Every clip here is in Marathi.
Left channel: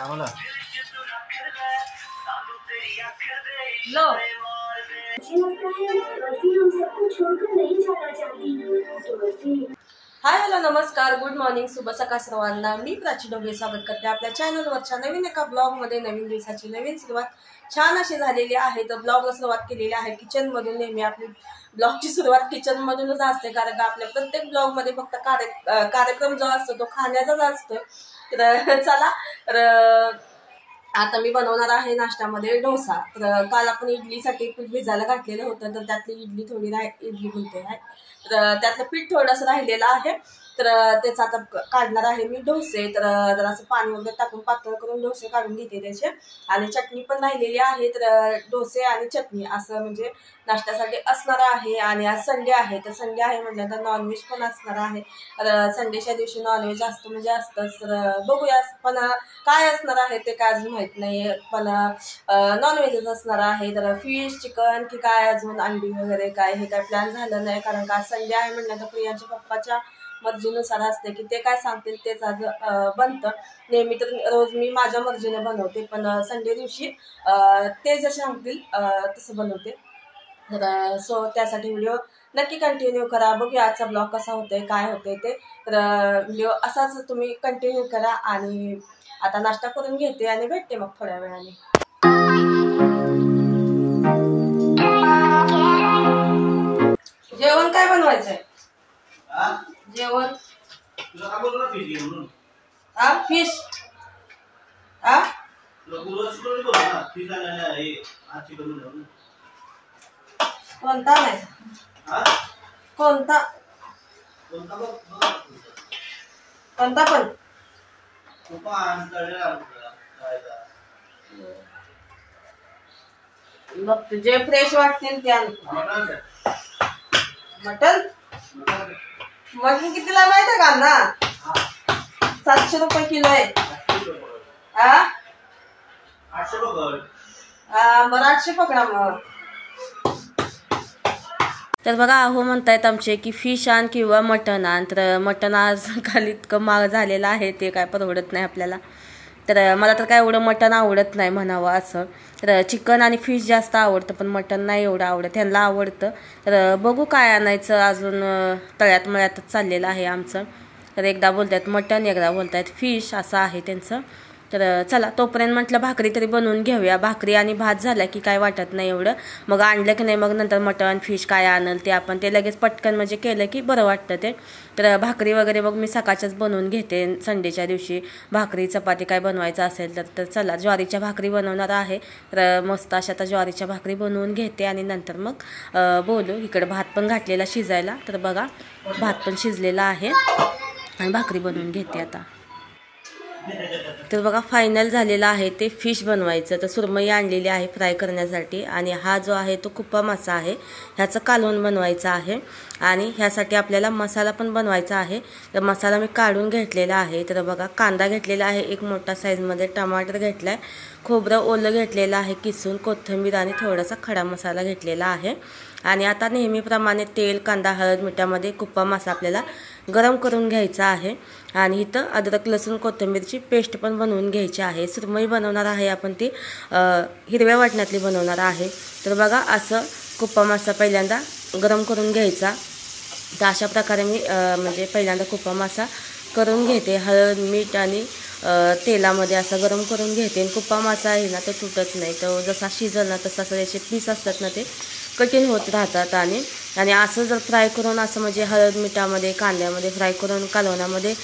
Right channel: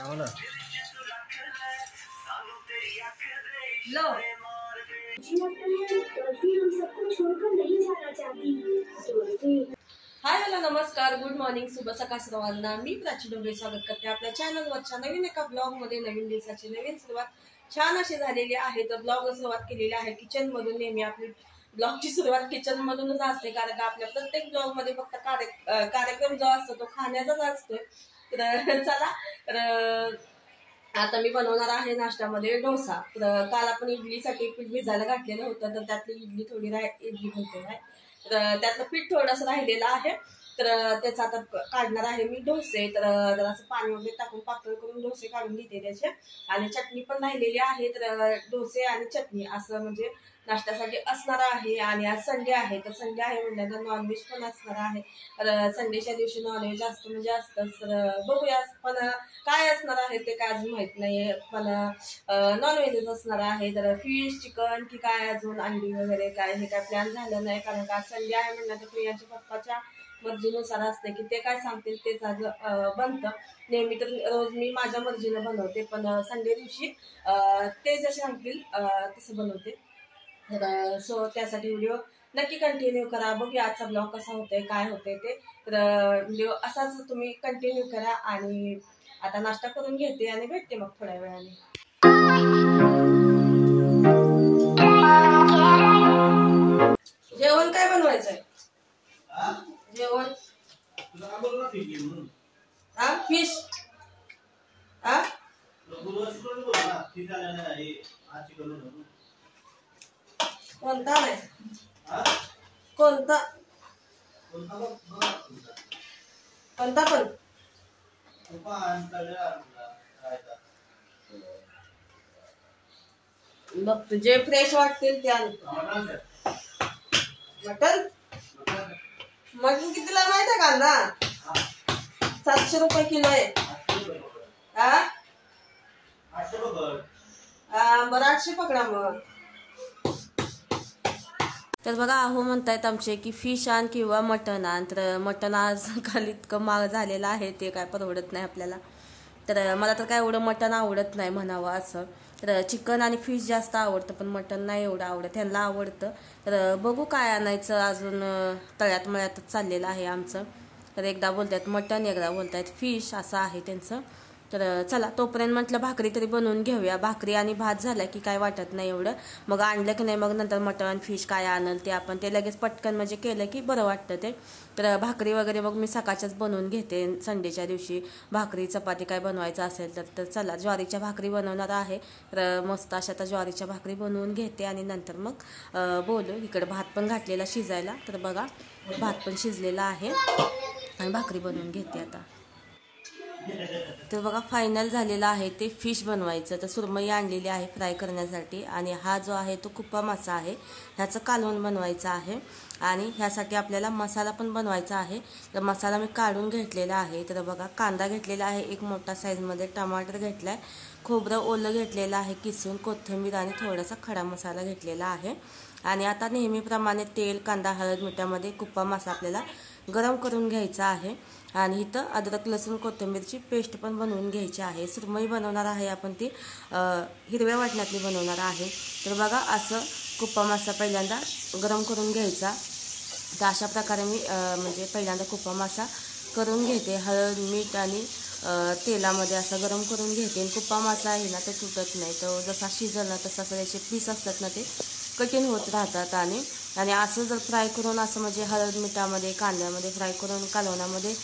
लो हाय हॅलो नमस्कार गुड मॉर्निंग शुभ सकाळ सर्वांना। मी प्राची डोंगरे स्वागत करते आपल्या चॅनलवरच्या नवीन एका ब्लॉगमध्ये। नवीन दिवसाची नवीन सुरुवात छान अशी झालेली आहे। तर ब्लॉगला सुरुवात केलेली आहे किचन मधून। नेहमी आपली ब्लॉगची सुरुवात किचन मधूनच असते, कारण का आपल्या प्रत्येक ब्लॉग मध्ये फक्त कार्यक्रम जो असतो तो खाण्याचाच असतो। तर चला, तर आता मी बनवणार आहे नाश्त्यामध्ये डोसा। तर काल आपण इडलीसाठी पीठ भिजायला घातलेलं होतं, तर त्यातली इडली थोडी इडली बनते आहे, तर त्यातलं पीठ थोडंसं राहिलेलं आहे। तर त्याचा आता काढणार आहे मी डोसे। तर असं पाणी वगैरे टाकून पातळ करून डोसे काढून घेते त्याचे। आणि चटणी पण राहिलेली आहे, तर डोसे आणि चटणी असं म्हणजे नाश्त्यासाठी असणार आहे। आणि आज संडे आहे, तर संडे आहे म्हटल्यानंतर नॉनव्हेज पण असणार आहे। तर संडेच्या दिवशी नॉनव्हेज असतं म्हणजे असतंच। तर बघूया पण काय असणार आहे ते काय अजून माहित नाहीये, पण नॉनव्हेजच असणार आहे। तर फिश चिकन की काय अजून अंडी वगैरे काय हे काय प्लॅन झालं नाही, कारण का संडे आहे म्हटल्यानंतर प्रियांच्या पप्पाच्या मर्जीनुसार असते की ते काय सांगतील तेच आज बनतं। नेहमी तर रोज मी माझ्या मर्जीने बनवते, पण संडे दिवशी ते जसे सांगतील तसं बनवते। तर सो त्यासाठी व्हिडिओ नक्की कंटिन्यू करा। बघूया आजचा ब्लॉग कसा होतोय काय होतंय ते। तर व्हिडिओ असाच तुम्ही कंटिन्यू करा। आणि आता नाश्ता करून घेते आणि भेटते मग थोड्या वेळाने। जेवण काय बनवायचंय? जेवण फिश कोणता नाही कोणता कोणता पण बघ जे फ्रेश वाटतील त्या। मटन मटन कितीला माहिती का ना? 700 रुपये किलो आहे। 800 बरं 800 पकडा मग। तर बघा अहो म्हणतायत आमचे की फिश आण किंवा मटन आण। तर मटन आज खाली इतकं महाग झालेलं आहे ते काय परवडत नाही आपल्याला। तर मला तर काय एवढं मटन आवडत नाही म्हणावं असं। तर चिकन आणि फिश जास्त आवडतं, पण मटन नाही एवढं आवडत, त्यांना आवडतं। तर बघू काय आणायचं, अजून तळ्यात मळ्यातच चाललेलं आहे आमचं। तर एकदा बोलतात मटन एकदा बोलतात फिश असं आहे त्यांचं। तर चला तोपर्यंत म्हटलं भाकरी तरी बनवून घेऊया। भाकरी आणि भात झाला की काय वाटत नाही एवढं, मग आणलं की नाही मग नंतर मटन फिश काय आणल ते आपण ते लगेच पटकन म्हणजे केलं की बरं वाटतं ते। तर भाकरी वगैरे मग मी सकाळच्याच बनवून घेते संडेच्या दिवशी। भाकरी चपाती काय बनवायचं असेल तर चला ज्वारीच्या भाकरी बनवणार आहे। तर मस्त अशा आता ज्वारीच्या भाकरी बनवून घेते आणि नंतर मग बोलू। इकडे भात पण घातलेला शिजायला, तर बघा भात पण शिजलेला आहे आणि भाकरी बनवून घेते आता। तर बघा फायनल झालेला आहे ते फिश बनवायचं। तर सुरमई आणलेली आहे फ्राय करण्यासाठी, आणि हा जो आहे तो कुप्पा मासा आहे, ह्याचं कालवण बनवायचं आहे। आणि ह्यासाठी आपल्याला मसाला पण बनवायचा आहे। तर मसाला मी काढून घेतलेला आहे। तर बघा कांदा घेतलेला आहे एक मोठा साईजमध्ये, टमाटर घेतलाय, खोबरं ओलं घेतलेलं आहे किसून, कोथिंबीर आणि थोडासा खडा मसाला घेतलेला आहे। आणि आता नेहमीप्रमाणे तेल कांदा हळद मिठामध्ये कुप्पा मासा आपल्याला गरम करून घ्यायचा आहे। आणि इथं अद्रक लसूण कोथिंबीरची पेस्ट पण बनवून घ्यायची आहे। सुरमई बनवणार आहे आपण ती हिरव्या वाटणातली बनवणार आहे। तर बघा असं कुप्पा मासा पहिल्यांदा गरम करून घ्यायचा। तर अशा प्रकारे मी म्हणजे पहिल्यांदा कुप्पा मासा करून घेते, हळद मीठ आणि तेलामध्ये असा गरम करून घेते। कुप्पा मासा आहे ना तो तुटत नाही, तो जसा शिजल ना तसा त्याचे पीस असतात ना ते कठीण होत राहतात। आणि असं जर फ्राय करून असं म्हणजे हळद मिठामध्ये कांद्यामध्ये फ्राय करून कालवणामध्ये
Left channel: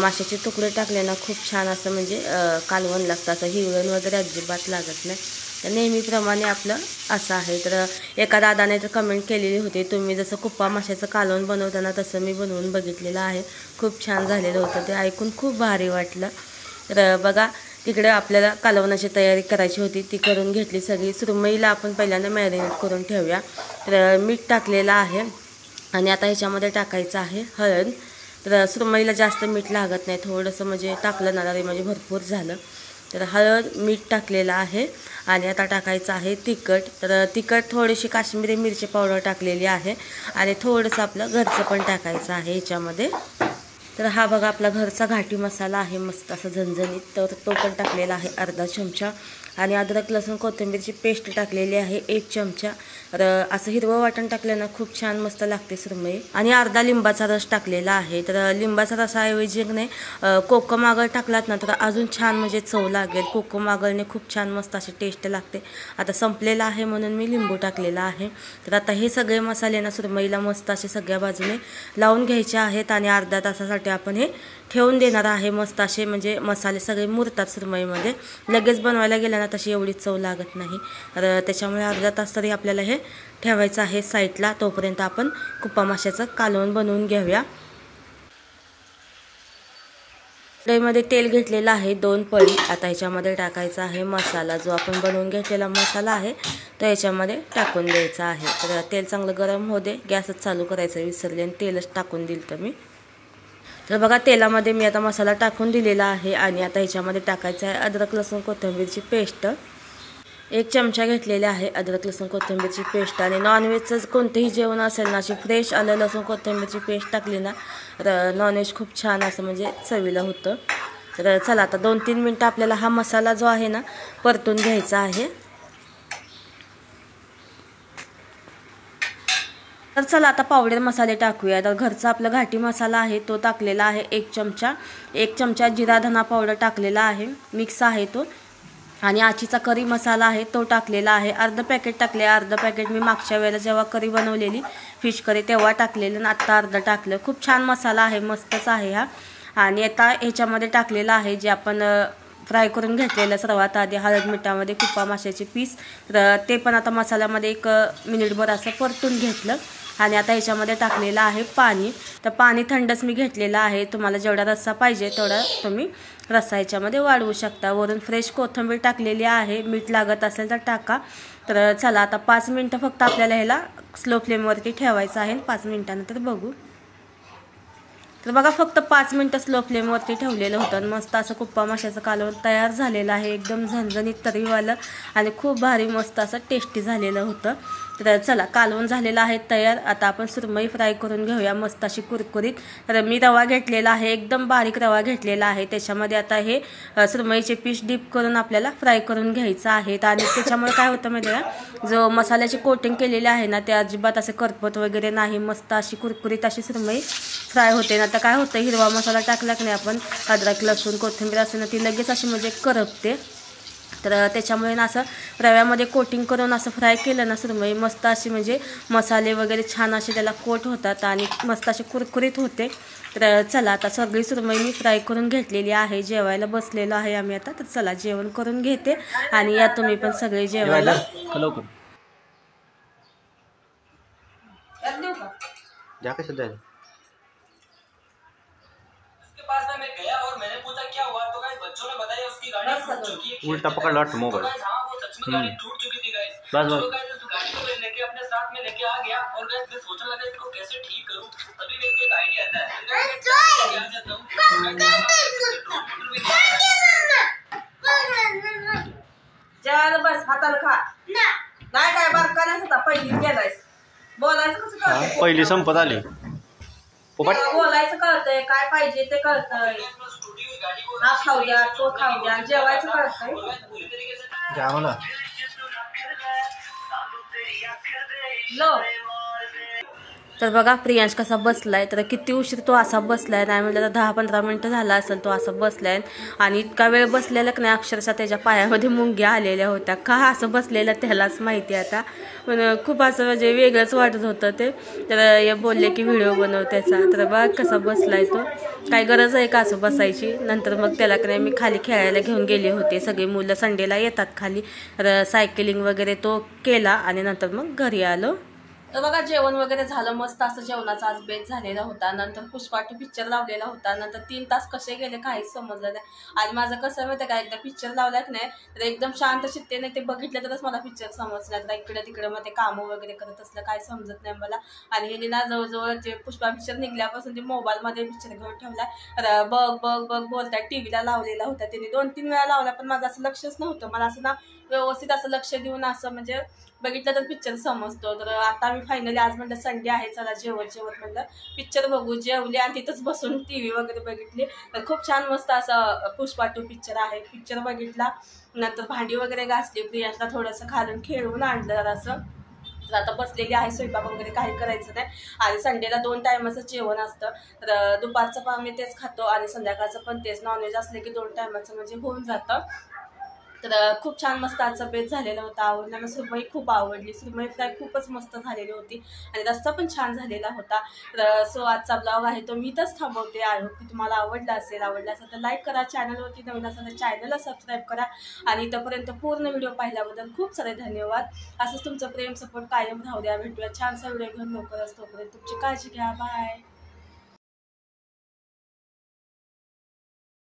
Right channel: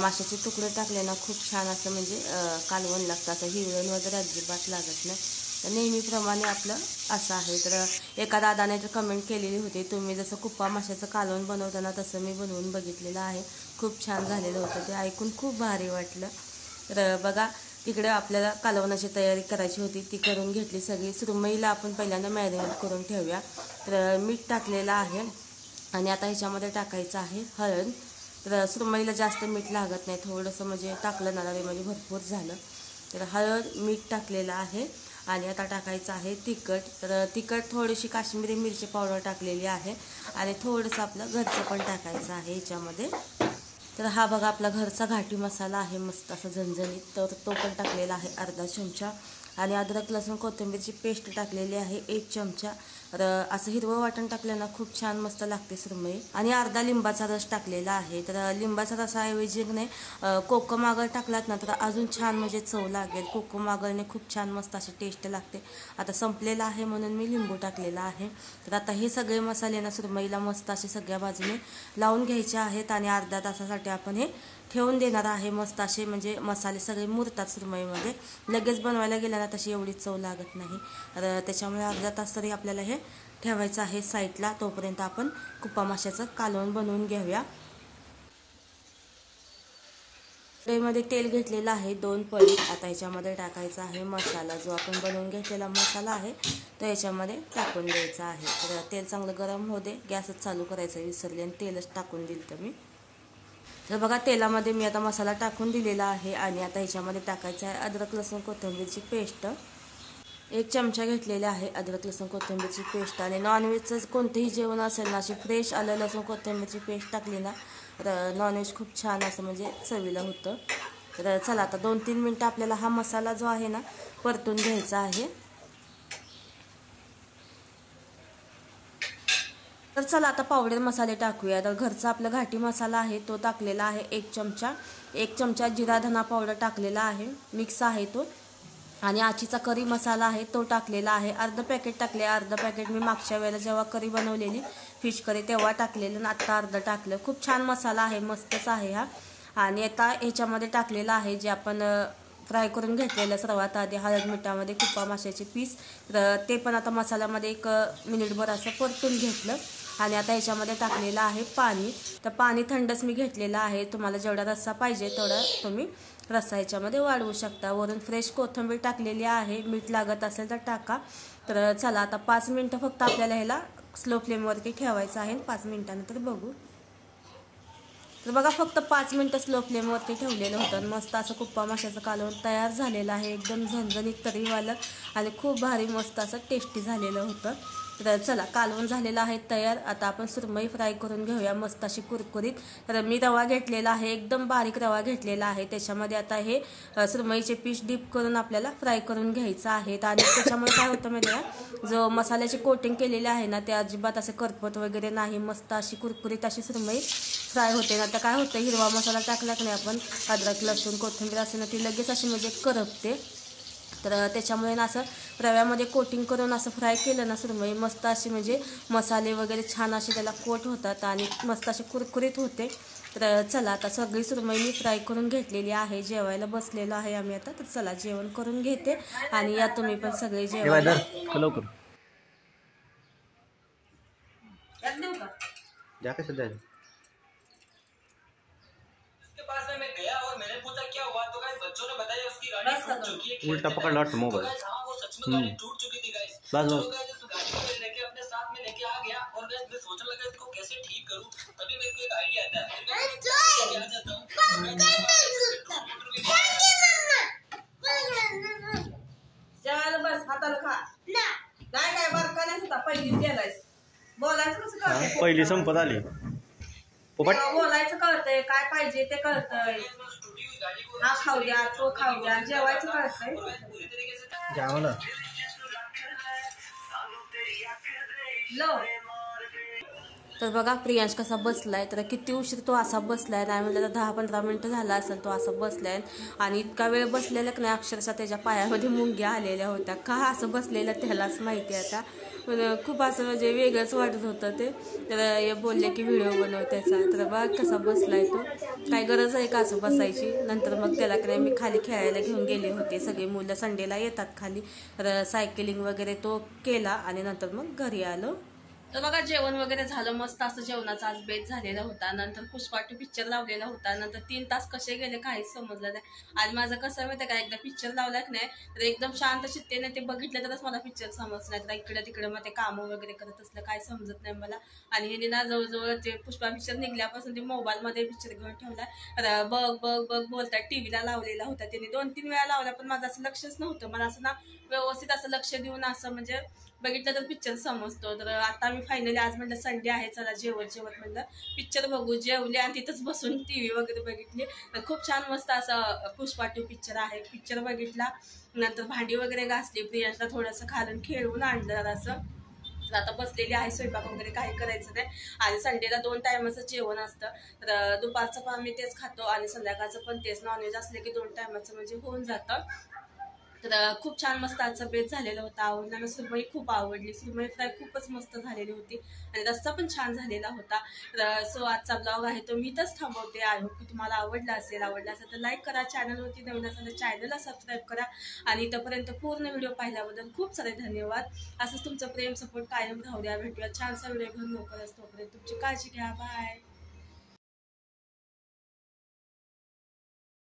माशाचे तुकडे टाकले ना खूप छान असं म्हणजे कालवण लागतं, असं हिवळण वगैरे अजिबात लागत नाही। तर नेहमीप्रमाणे आपलं असं आहे। तर एका दादाने तर कमेंट केलेली होती, तुम्ही जसं कुप्पा माशाचं कालवण बनवताना तसं मी बनवून बघितलेलं आहे, खूप छान झालेलं होतं, ते ऐकून खूप भारी वाटलं। तर बघा तिकडे आपल्याला कालवणाची तयारी करायची होती, ती करून घेतली सगळी। सुरमईला आपण पहिल्यांदा मॅरिनेट करून ठेवूया। तर मीठ टाकलेलं आहे आणि आता ह्याच्यामध्ये टाकायचं आहे हळद। तर सुरमईला जास्त मीठ लागत नाही, थोडंसं म्हणजे टाकलं ना तरी म्हणजे भरपूर झालं। तर हळद मीठ टाकलेलं आहे आणि आता टाकायचं आहे तिखट। तर तिखट थोडीशी काश्मीरी मिरची पावडर टाकलेली आहे आणि थोडंसं आपलं घरचं पण टाकायचं आहे ह्याच्यामध्ये। तर हा बघा आपला घरचा घाटी मसाला आहे, मस्त असं झणझणीत. तर तो पण टाकलेला आहे अर्धा चमचा. आणि अद्रक लसूण कोथिंबीरची पेस्ट टाकलेली आहे 1 चमचा. तर असं हिरवं वाटण टाकलं ना खूप छान मस्त लागते सुरमई. आणि अर्धा लिंबाचा रस टाकलेला आहे. तर लिंबाचा रसाऐवजी नाही कोकम आगळ टाकलात ना तर अजून छान म्हणजे चव लागेल. कोकम आगळने खूप छान मस्त अशी टेस्ट लागते. आता संपलेला आहे म्हणून मी लिंबू टाकलेला आहे. तर आता हे सगळे मसाले ना सुरमईला मस्त असे सगळ्या बाजूने लावून घ्यायचे आहेत. आणि अर्ध्या तासासाठी आपण हे ठेवून देणार आहे. मस्त असे म्हणजे मसाले सगळे मुरतात सुरमईमध्ये. लगेच बनवायला गेलं ना तशी एवढी चव लागत नाही. तर त्याच्यामुळे अर्धा तास तरी आपल्याला हे ठेवायचं आहे साईडला. तोपर्यंत आपण कुप्पा माशाचं कालवण बनवून घेऊया. कढईमध्ये तेल घेतलेलं आहे 2 पळी. आता ह्याच्यामध्ये टाकायचा आहे मसाला, जो आपण बनवून घेतलेला मसाला आहे तो ह्याच्यामध्ये टाकून द्यायचा आहे. तर तेल चांगलं गरम होऊ दे. गॅसच चालू करायचं विसरले आणि तेलच टाकून दिलं तर मी. तर बघा तेलामध्ये मी आता मसाला टाकून दिलेला आहे. आणि आता ह्याच्यामध्ये टाकायचं आहे अद्रक लसूण कोथिंबीरची पेस्ट. 1 चमचा घेतलेले आहे अद्रक लसूण कोथिंबीरची पेस्ट. आणि नॉनव्हेजचं कोणतेही जेवण असेल ना अशी फ्रेश आलं लसूण कोथिंबीरची पेस्ट टाकली ना तर नॉनव्हेज खूप छान असं म्हणजे चवीला होतं. तर चला आता 2-3 मिनटं आपल्याला हा मसाला जो आहे ना परतून घ्यायचा आहे. तर चला आता पावडर मसाले टाकूया. तर घरचा आपला घाटी मसाला आहे तो टाकलेला आहे 1 चमचा. 1 चमचा जिरा धना पावडर टाकलेला आहे, मिक्स आहे तो. आणि आचीचा करी मसाला आहे तो टाकलेला आहे. अर्ध पॅकेट टाकले. अर्ध पॅकेट मी मागच्या वेळेला जेव्हा करी बनवलेली फिश करी तेव्हा टाकलेलं आणि आत्ता अर्ध टाकलं. खूप छान मसाला आहे, मस्तच आहे हा. आणि आता ह्याच्यामध्ये टाकलेलं आहे जे आपण फ्राय करून घेतलेलं सर्वात आधी हळद मिठामध्ये कुप्पा माशाचे पीस. तर ते पण आता मसाल्यामध्ये 1 मिनिटभर असं परतून घेतलं. आणि आता ह्याच्यामध्ये टाकलेलं आहे पाणी. तर पाणी थंडच मी घेतलेलं आहे. तुम्हाला जेवढा रस्सा पाहिजे तेवढा तुम्ही रस्सा ह्याच्यामध्ये वाढवू शकता. वरून फ्रेश कोथिंबीर टाकलेली आहे. मीठ लागत असेल तर टाका. तर चला आता 5 मिनटं फक्त आपल्याला ह्याला स्लो फ्लेमवरती ठेवायचं आहे. 5 मिनटानंतर बघू. तर बघा फक्त 5 मिनटं स्लो फ्लेमवरती ठेवलेलं होतं आणि मस्त असं कुप्पा माशाचं कालवण तयार झालेलं आहे. एकदम झणझणीत तर्रीवालं आणि खूप भारी मस्त असं टेस्टी झालेलं होतं. तर चला कालवण झालेलं आहे तयार. आता आपण सुरमई फ्राय करून घेऊया मस्त अशी कुरकुरीत. तर मी रवा घेतलेला आहे, एकदम बारीक रवा घेतलेला आहे. त्याच्यामध्ये आता हे सुरमईचे पीस डीप करून आपल्याला फ्राय करून घ्यायचं आहे. आणि त्याच्यामुळे काय होतं माहिती आहे, जो मसाल्याची कोटिंग केलेली आहे ना ते अजिबात असे करपत वगैरे नाही. मस्त अशी कुरकुरीत अशी सुरमई फ्राय होते. ना आता काय होतं हिरवा मसाला टाकला की नाही आपण अद्रक लसूण कोथिंबीर असं ना ती लगेच अशी म्हणजे करपते. तर त्याच्यामुळे ना असं रव्यामध्ये कोटिंग करून असं फ्राय केलं ना सुरमई मस्त अशी म्हणजे मसाले वगैरे छान असे त्याला कोट होतात आणि मस्त असे कुरकुरीत होते. तर चला आता सगळी सुरमई मी फ्राय करून घेतलेली आहे. जेवायला बसलेलो आहे आम्ही आता. तर चला जेवण करून घेते आणि या तुम्ही पण सगळे जेवायला. उल्टा पकड़ लो मोबाइल। टूट चुकी थी गाइस। बस बस गाड़ी को मैं लेके अपने साथ में लेके आ गया और गाइस मैं सोचने लगा इसको कैसे ठीक करूं। तभी मेरे को एक आईडिया आता है। क्या चाहता हूं जेवायला बस हाताला खा. काय काय बारकाण्याच होता पहिली गेलायस. बोलायचं कसं कळतंय, पहिली संपत आली. बोलायचं कळतंय, काय पाहिजे ते कळतंय. हा खाऊ द्या तो खाऊ द्या जेवायचं कळतंय. लो तर बघा प्रियांश कसा बसलाय. तर किती उशीर तो असा बसलाय नाही म्हटलं तर 10-15 मिनटं झाला असेल तो असा बसलाय. आणि इतका वेळ बसलेला की नाही अक्षरशः त्याच्या पायामध्ये मुंग्या आलेल्या होत्या. का असं बसलेलं त्यालाच माहिती आता. पण खूप असं म्हणजे वेगळंच वाटत होतं ते. तर बोलले की व्हिडिओ बनव त्याचा. तर बघा कसा बसलाय तो. काय गरज आहे का असं बसायची. नंतर मग त्याला की नाही मी खाली खेळायला घेऊन गेले होते. सगळी मुलं संडेला येतात खाली. तर सायकलिंग वगैरे तो केला आणि नंतर मग घरी आलो. तर बघा जेवण वगैरे झालं. मस्त असं जेवणाचा आज बेत झालेला होता. नंतर पुष्पा 2 पिक्चर लावलेला होता. नंतर 3 तास कसे गेले काहीच समजलं नाही. आणि माझं कसं माहिती का एकदा पिक्चर लावला की नाही तर एकदम शांत चित्तेने ते बघितलं तरच मला पिक्चर समजलं. तर इकडे तिकडे मग ते कामं वगैरे करत असलं काय समजत नाही मला. आणि हे ना जवळजवळ ते पुष्पा पिक्चर निघल्यापासून ते मोबाईलमध्ये पिक्चर घेऊन ठेवला. तर बघ बघ बघ बोलतात. टीव्हीला लावलेला होता त्याने 2-3 वेळा लावला पण माझं असं लक्षच नव्हतं. मला असं ना व्यवस्थित असं लक्ष देऊन असं म्हणजे बघितलं तर पिक्चर समजतो. तर आता मी फायनली आज म्हणलं संडे आहे, चला जेवत म्हणलं पिक्चर बघू. जेवले आणि तिथंच बसून TV वगैरे बघितली. खूप छान मस्त असं पुष्पा 2 पिक्चर आहे. पिक्चर बघितला, नंतर भांडी वगैरे घासली, प्रियांशला थोडंसं खालून खेळवून आणलं असं. तर आता बसलेली आहे, स्वयंपाक वगैरे काही करायचं नाही. आणि संडेला 2 टायमाचं जेवण असतं. तर दुपारचं पण आम्ही तेच खातो आणि संध्याकाळचं पण तेच. नॉनव्हेज असले की 2 टायमाचं म्हणजे होऊन जातं. तर खूप छान मस्त आजचा बेत झालेला होता. आवडला. मला सुरमई खूप आवडली. सुरमई फ्राय खूपच मस्त झालेली होती आणि रस्सा पण छान झालेला होता. तर सो आजचा ब्लॉग आहे तो मी इथंच थांबवते. आय होप की तुम्हाला आवडला असेल तर लाईक करा. चॅनलवरती नवीन असेल तर चॅनलला सबस्क्राईब करा. आणि इथंपर्यंत पूर्ण व्हिडिओ पाहिल्याबद्दल खूप सारे धन्यवाद. असंच तुमचं प्रेम सपोर्ट कायम राहू द्या. भेटूया छानसा व्हिडिओ घेऊन लवकरच. तोपर्यंत तुमची काळजी घ्या. बाय.